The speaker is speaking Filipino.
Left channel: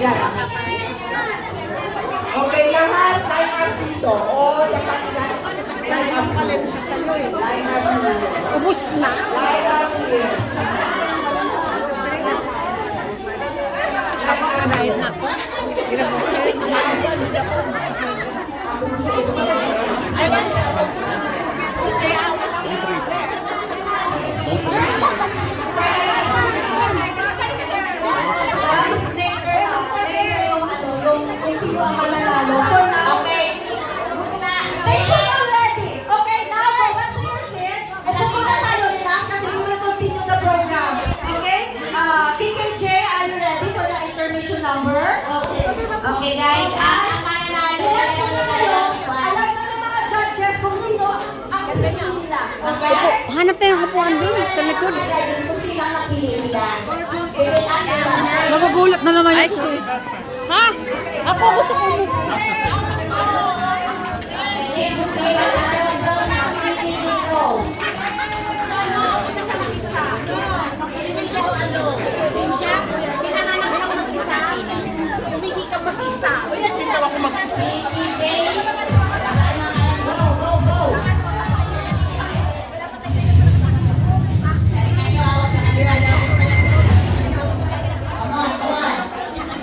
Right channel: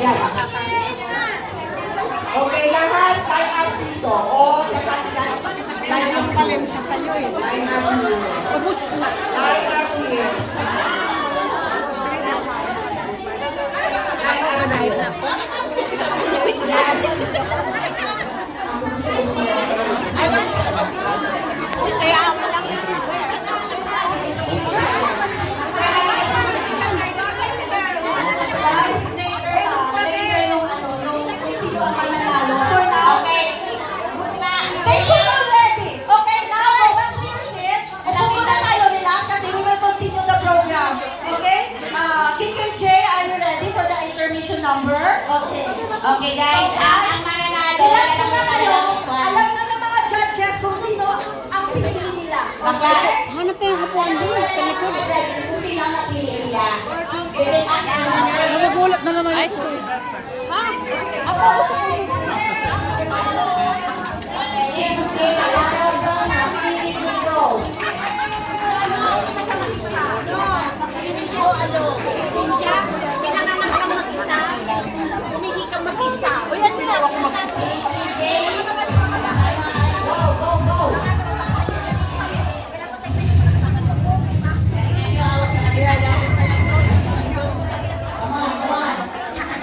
Yan. Okay, lahat time up dito. O, dapat yan. Time up pa rin siya sa'yo eh. Time up here. Ubus na. Time up here. Okay guys, alam na ng mga judges kung sino ang pinili nila. Okay? Hanap tayo yung kapuan doon sa likod. Kung sino ang napili nila. Nagugulat na naman ito. Ha? Ako gusto ko. Okay,